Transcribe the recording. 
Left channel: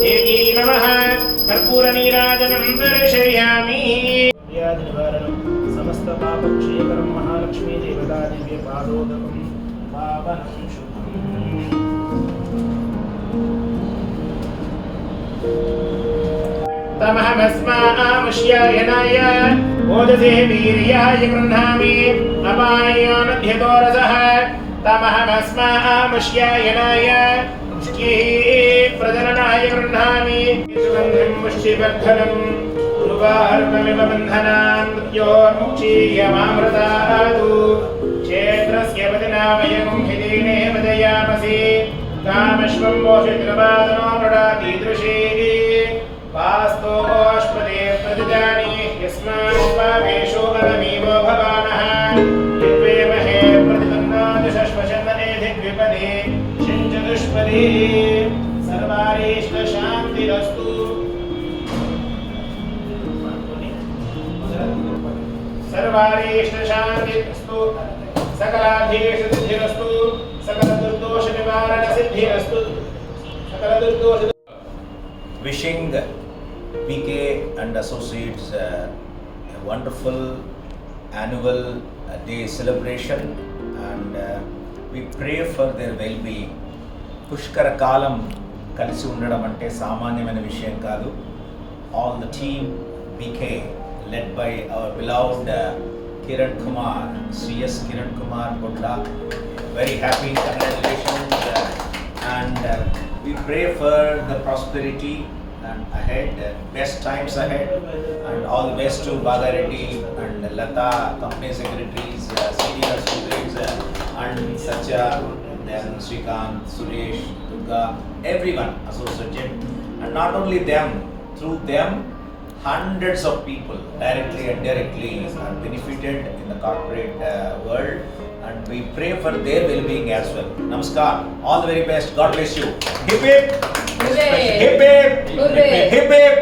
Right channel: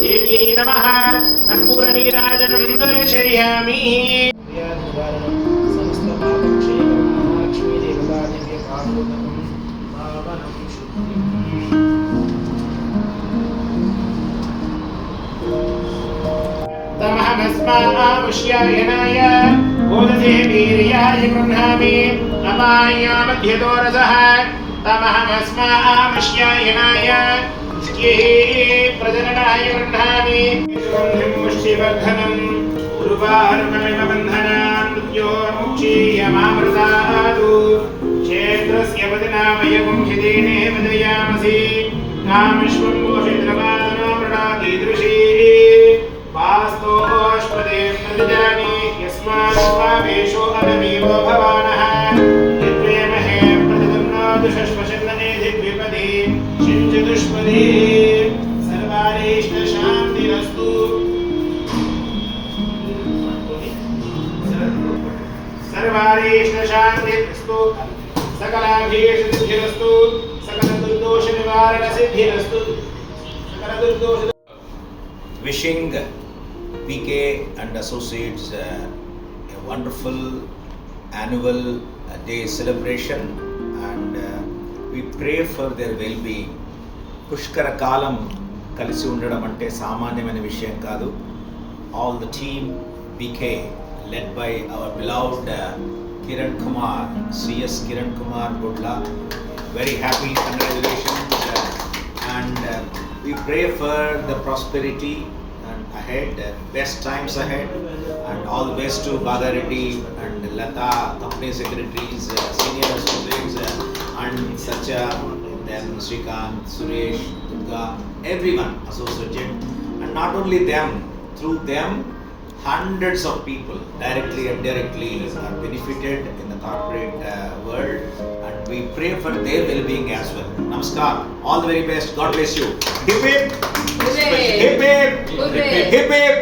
देव्यै नमः कर्पूरनीराजनं दर्शयामि। निवारणं समस्तपापक्षेत्रं महालक्ष्मी देवतादिव्य पादोदकं पावनं शुद्धम्। तमहमस्मामुष्यायनाय ओदसे वीर्याय गृह्णामि अपाय मध्यदोरसः तमहमस्मामुष्यायनाय प्रजननाय गृह्णामि सुगन्धिं पुष्टिवर्धनं उर्वारुकमिव बन्धनान् मृत्योर्मुक्षीयमामृतादु क्षेत्रस्य वदनामयं हिदीने वदयामसि कामश्वं पोषित्रवादनो मृडातीदृशी पास्तोष्पदे प्रतिजानि यस्मान्पावेशो अनमीवो भवानः यद्वेमहे प्रतिदन्नो दिशश्वशन्दने दिग्विपदे शिञ्चतुष्पदे सर्वारेष्टशान्तिरस्तु। सर्वारेष्टशान्तिरस्तु सकलाभीष्टसिद्धिरस्तु सकलदुर्दोषनिवारणसिद्धिरस्तु सकलदुर्दोष। Wishing PK and Associates a wonderful annual day celebration, and we pray for their well-being. పుష్కర కాలం కలిసి ఉండడం అంటే సామాన్యమైన విషయం కాదు. All the team PK led by our beloved Kiran Kumar, CS Kiran Kumar Gudla, very happy, congratulations, and we pray for the prosperity and ahead, best times ahead, and all the best to Bhaga Reddy and Lata, company secretaries, senior associates, and Satya, then Srikanth, Suresh, Durga, everyone associated, and not only them, through them hundreds of people directly and indirectly are benefited in the corporate world, and we pray for their well-being as well. Namaskar, all the very best, God bless you. Hip hip, hip hip, hip hip, hip hip.